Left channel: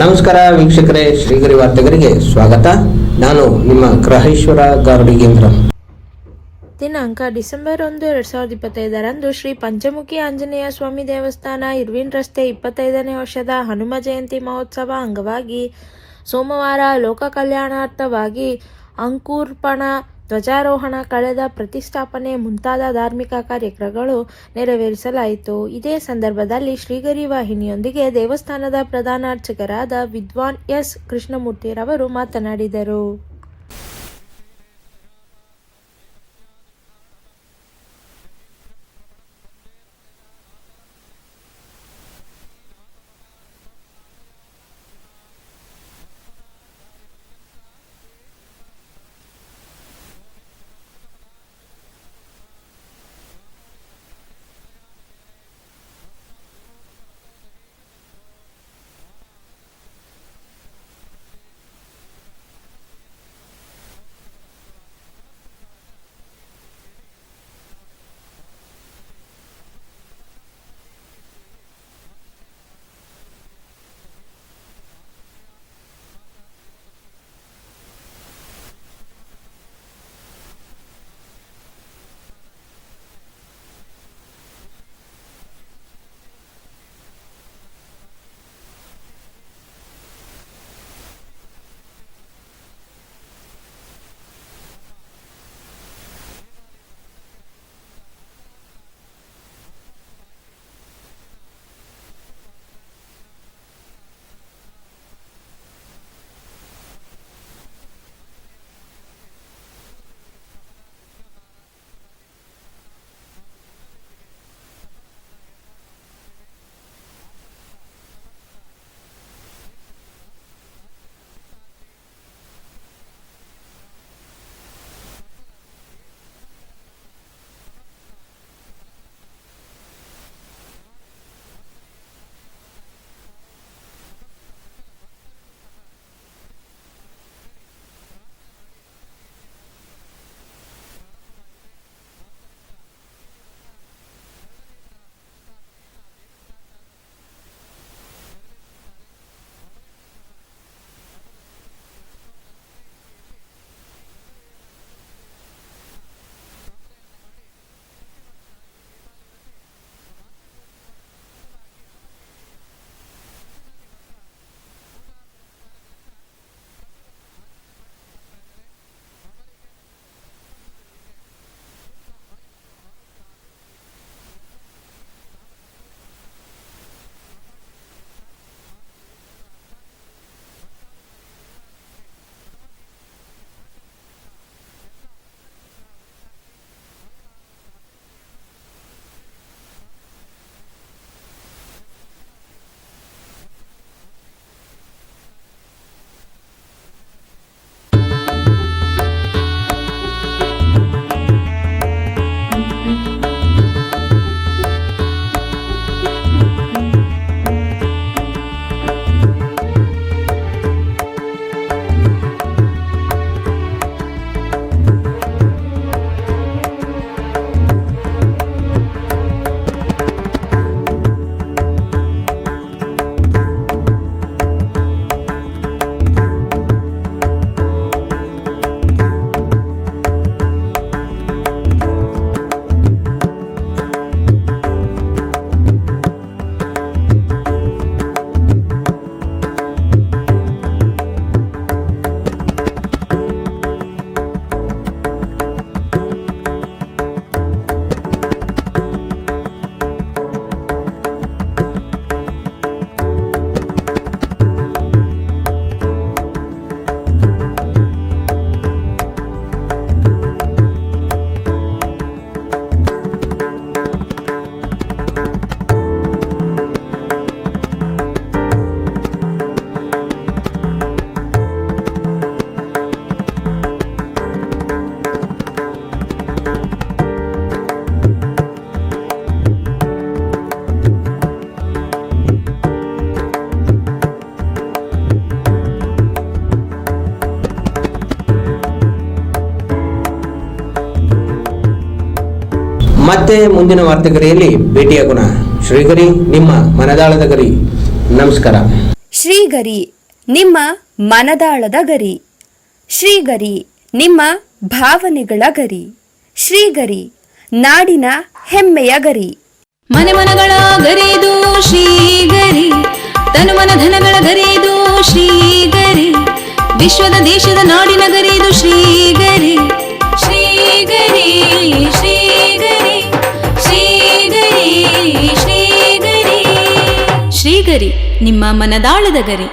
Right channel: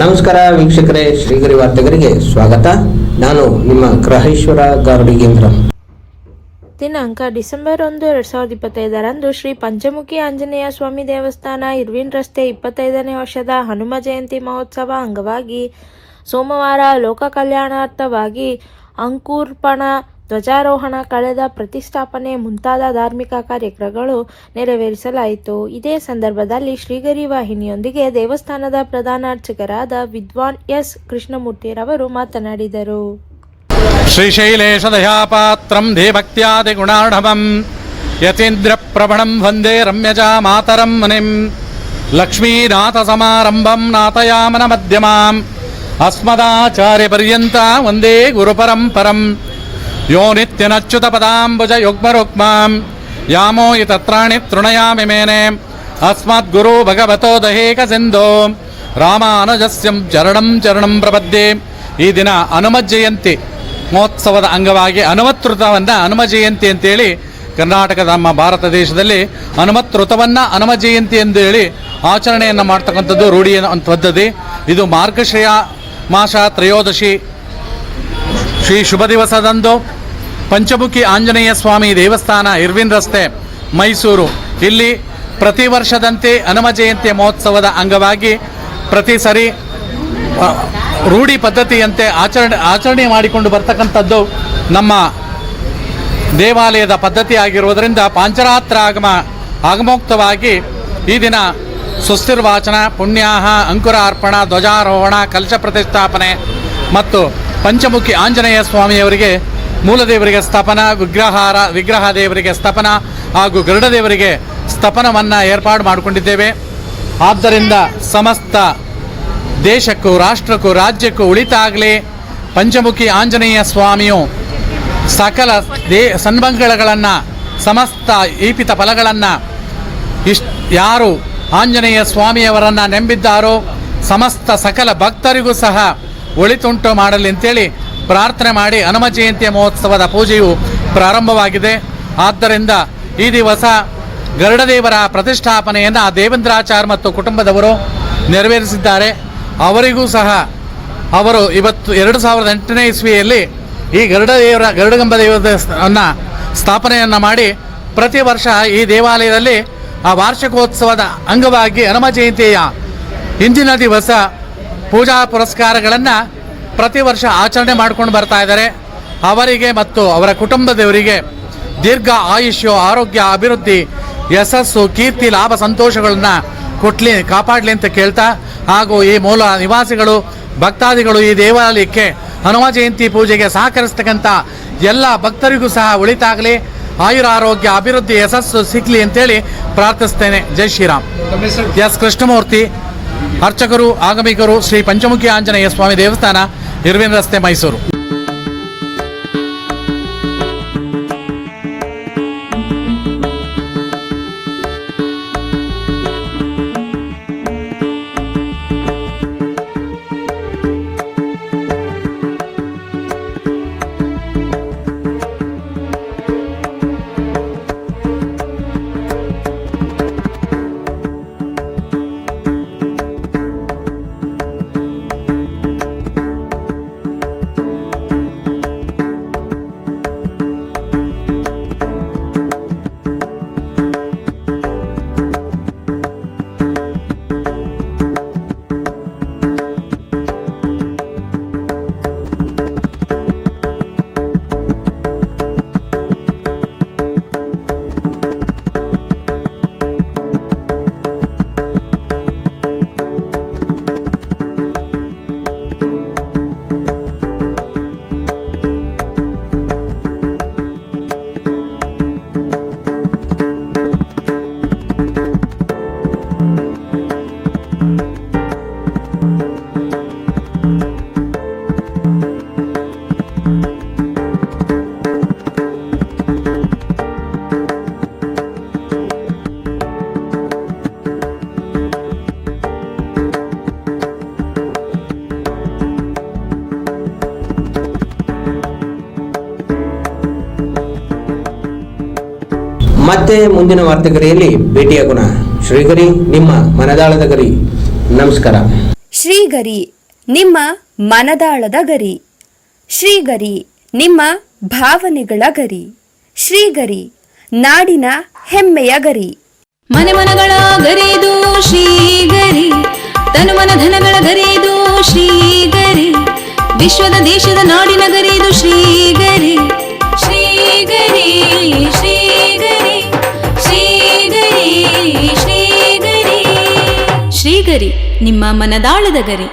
ನಮಸ್ಕಾರ ವೀಕ್ಷಕರೇ, ಶ್ರೀಗರಿ ವಾರ್ತೆಗರಿಗೆ ಸ್ವಾಗತ. ನಾನು ನಿಮ್ಮ ಗ್ರಹೇಶ್ವರ ಗಾರುಡಿಗೇಂದ್ರ. ದಿನಾಂಕ ಡಿಸೆಂಬರ್ 1, 2025 ಶ್ರೀ ಪಂಚಮುಖಿ ಆಂಜನೇಯ ಸ್ವಾಮಿ ದೇವಸ್ಥಾನ, ಇರ್ವಿನ್ ರಸ್ತೆ 25ನೇ ವರ್ಷದ ಹನುಮ ಜಯಂತಿ ಮಹೋತ್ಸವ ಅಂಗವಾಗಿ ಸೋಮವಾರ ಲೋಕ ಕಲ್ಯಾಣಾರ್ಥವಾಗಿ ಅಂಕುರ್ಪಣ, ಧ್ವಜಾರೋಹಣ, ಕಳೆದ ಪ್ರತಿಷ್ಠಾಪನೆ ಮುಂತಾದ ಧಾರ್ಮಿಕ ಕಾರ್ಯಕ್ರಮಗಳು ನೆರವೇರಿಸಲಾಯಿತು. ಇದೇ ಸಂದರ್ಭದಲ್ಲಿ ಶ್ರೀಗರಿ ವಾಹಿನಿಯೊಂದಿಗೆ ದೇವಸ್ಥಾನದ ಪ್ರಧಾನ ಅರ್ಚಕರಾದ ವಿದ್ವಾನ್ ಎಸ್ ಕೃಷ್ಣಮೂರ್ತಿರವರು ಮಾತನಾಡಿದರು. ಶ್ರೀಶೈಲೇಶ ದಯಾಪಾತ್ರಂ ದೇವಕ್ತ್ಯಾದಿ ಗುಣಾರ್ಣವಂ ಯತೀಂದ್ರ ಪ್ರಭಣಂ ವಂದೇ ರಮ್ಯಜಾ ಮಾತರಂ ಮುನಿಂ ಲಕ್ಷ್ಮೀನಾಥ ಸಮಾರಂಭಂ ನಾಥಯಾಮನ ಮಧ್ಯಮಾಂ ಅಸ್ಮದಾಚಾರ್ಯ ಪರ್ಯಂತ ವಂದೇ ಗುರುಪರಂಪರಂ ಯೋ ನಿತ್ಯನಚ್ಯುತ ಪದಾಂಬುಜ ಯುಗ್ಮರುಕ್ಮಾಂ ಯಾಮೋ ತತ್ರಾಣಿ ತೃಣಯಾಮಿ ಮೇನೆ ಅಸ್ಮದ್ ಗುರು ಭಗವತೋ ದಹೇಕ ಸಿಂಧೋ ರಾಮಾನುಜಸ್ಯಂ ಚರಣಂ ಪ್ರಪದ್ಯೆ. ಈ ದಿನ ಹನುಮ ಜಯಂತಿ ಮಹೋತ್ಸವದ ಅಂಗವಾಗಿ ಹನುಮತ್-ಋತವನ್ನು ಹನುಮ ಜಯಂತಿ ಅಂತೇಳಿ ಕರ್ನಾಟಕದ ನಮ್ಮ ಭಾರತ ದೇಶದಲ್ಲಿ ಹನುಮತ್-ಋತವನ್ನು ಹನುಮ ಜಯಂತಿ ಎಂದು ಹೇಳಿ ಆಚರಣೆಯನ್ನು ಮಾಡ್ತಕ್ಕಂಥದ್ದು ರೂಢಿಯ ಪದ್ಧತಿ. ಇದು ಮಾರ್ಗಶಿರ ಮಾಸ ತ್ರಯೋದಶಿ ಶ್ರೀ ಶುಭ ದಿವಸದಂದು ಪಂಚಮುಖಿ ಆಂಜನೇಯ ಸ್ವಾಮಿ ದೇವಸ್ಥಾನ, ಇರ್ವಿನ್ ರಸ್ತೆ, ಮೈಸೂರು ಇಲ್ಲಿ ಪ್ರತಿ ವರ್ಷದಂತೆ ಹನುಮ ಜಯಂತಿ ಮಹೋತ್ಸವದ ಅಂಗವಾಗಿ ಪ್ರತಿ ಸರಿ ರೂಢಿ ಪದ್ಧತಿಯಂತೆ ಆಚರಣೆ ಮಾಡಿಕೊಂಡು ಬರ್ತಕ್ಕಂಥದ್ದು ನಮ್ಮ ದೇವಾಲಯದ ಪದ್ಧತಿ ಆಗಿರುವುದರಿಂದ ಪಾಂಚರಾತ್ರ ಆಗಮೋಕ್ತವಾಗಿ ಈ ದಿನ ಸುಸ್ಥಿರ್ವಾಚನ, ಪುಣ್ಯಾಹ, ಅಂಕುರಾರ್ಪಣ, ಧ್ವಜಾರೋಹಣ, ಕಲಶ ಪ್ರತಿಷ್ಠಾಪನೆ ಮತ್ತು ಪಂಚಮುಖಿ ಆಂಜನೇಯ ಸ್ವಾಮಿಯವರಿಗೆ ಮೂಲದೇವರಿಗೆ ಸ್ಥಾಪನ, ವಿಗ್ರಹ ದೇವರಿಗೆ ಸ್ಥಾಪನ ಹಾಗೂ ಗರುಡ ದೇವರಿಗೆ ಸ್ಥಾಪನವನ್ನು ಏರ್ಪಾಡು ಮಾಡಿಕೊಂಡಿದ್ದೇವೆ. ಆದ್ದರಿಂದ ಸಮಸ್ತ ದೇಶಕ್ಕೂ ರಾಷ್ಟ್ರಕ್ಕೂ ರಾಜ್ಯಕ್ಕೂ ಉಳಿತಾಗಲಿ ಪಂಚಮುಖಿ ಆಂಜನೇಯ ಸ್ವಾಮಿಯು ಸಕಲ ಸನ್ಮಂಗಳಗಳನ್ನು, ಸಮಸ್ತ ಈಪಿತ ಫಲಗಳನ್ನು ಯಾರು ಆಂಜನೇಯ ಸ್ವಾಮಿಯವರನ್ನು ನಂಬಿದ್ದಾರೋ ಸಮಸ್ತ ಸಕಲ ಭಕ್ತರಿಗೂ ಸಹ ಒಳಿತುಂಟು ಮಾಡಲಿ ಅಂತೇಳಿ ಪ್ರಾರ್ಥನೆ ಮಾಡಿ ಹನುಮ ಜಯಂತಿಯ ಮಹೋತ್ಸವದ ಪೂಜೆಯು ಪ್ರಾರಂಭವಾಗಿದೆ. ಆದ್ದರಿಂದ ಈ ದಿವಸ ಗರುಡದೇವರ ಪ್ರತಿಷ್ಠಾಪನೆಯನ್ನು ದೇವೇಂದ್ರಾಚಾರ್ಯ ಮತ್ತು ಕುಟುಂಬದವರು ನೆರವೇರಿಸಿದ್ದಾರೆ. ಅವರಿಗೂ ಸಹ ಅವರು ಇವತ್ತು 2008ನೇ ಇಸ್ವಿಯಲ್ಲಿ ಈ ಗರುಡಗಂಬ ದೇವರನ್ನು ಸ್ಥಾಪನೆಯನ್ನು ಮಾಡಿ ಪ್ರತಿ ವರ್ಷ ಈ ದೇವಾಲಯದಲ್ಲಿ ಆ ವಾರ್ಷಿಕೋತ್ಸವದ ಅಂಗವಾಗಿ ಹನುಮ ಜಯಂತಿಯ ಹಿಂದಿನ ದಿವಸ ಪೂಜಾ ಪುರಸ್ಕಾರಗಳನ್ನು ಪ್ರತಿ ವರ್ಷ ಆಚರಣೆ ಮಾಡ್ಕೊಂಡು ಬರ್ತಾ ಇದ್ದಾರೆ. ಅವರಿಗೆ ಮತ್ತು ಅವರ ಕುಟುಂಬದವರಿಗೆ ದೀರ್ಘ ಆಯುಷ್ಯ, ಆರೋಗ್ಯ, ಅಭಿವೃದ್ಧಿ, ಯಶಸ್ಸು, ಕೀರ್ತಿ, ಲಾಭ, ಸಂತೋಷಗಳನ್ನ ಕಾಪಾಡಲಿ ಅಂತ ಕೇಳ್ತಾ, ಹಾಗೂ ಈ ಮೂಲ ನಿವಾಸಿಗಳು, ಭಕ್ತಾದಿಗಳು ಈ ದೇವಾಲಯಕ್ಕೆ ಹನುಮ ಜಯಂತಿ ಪೂಜೆಗೆ ಸಹಕರಿಸ್ತಕ್ಕಂಥ ಎಲ್ಲ ಭಕ್ತರಿಗೂ ಸಹ ಒಳಿತಾಗಲಿ, ಆಯುರಾರೋಗ್ಯ, ಅಭಿವೃದ್ಧಿ, ಯಶಸ್ಸು ಸಿಗಲಿ ಅಂತೇಳಿ ಪ್ರಾರ್ಥಿಸ್ತೇನೆ. ಜೈ ಶ್ರೀರಾಮ್. ಎಸ್ ಕೃಷ್ಣಮೂರ್ತಿ, ಅರ್ಚಕರು, ಆಗಮಿಕರು, ಶ್ರೀ ಪಂಚಮುಖಿ ಆಂಜನೇಯ ಸ್ವಾಮಿ ದೇವಸ್ಥಾನ, ಇರ್ವಿನ್ ರಸ್ತೆ, ಮೈಸೂರು. ಮತ್ತೆ ಮುಂದಿನ ವಾರ್ತೆಗರಿಯಲ್ಲಿ ಭೇಟಿಯಾಗೋಣ. ಶ್ರೀಗರಿ, ನಿಮ್ಮ ಮನದಾಳದ ಗರಿ. ನಮಸ್ಕಾರ. ಶ್ರೀಗರಿ ನಿಮ್ಮ ಮನದಾಳದ ಗರಿ. ಶ್ರೀಗರಿ ನಿಮ್ಮ ಭಾವನೆಗಳ ಗರಿ. ಶ್ರೀಗರಿ ನಾಡಿನ ಹೆಮ್ಮೆಯ ಗರಿ. ಮನೆ ಮನಗಳ ಗರಿದು ಶ್ರೀಗರಿ, ತನು ಮನ ಧನಗಳ ಗರಿದು ಶ್ರೀಗರಿ, ವಿಶ್ವದ ದೇಶದ ನಾಡಿನ ಗರಿದು ಶ್ರೀಗರಿ. ಶ್ರೀಗರಿ ಶ್ರೀಗರಿ ಶ್ರೀಗರಿ ಶ್ರೀಗರಿ ಶ್ರೀಗರಿ ನಿಮ್ಮ ಮನದಾಳದ ಗರಿ.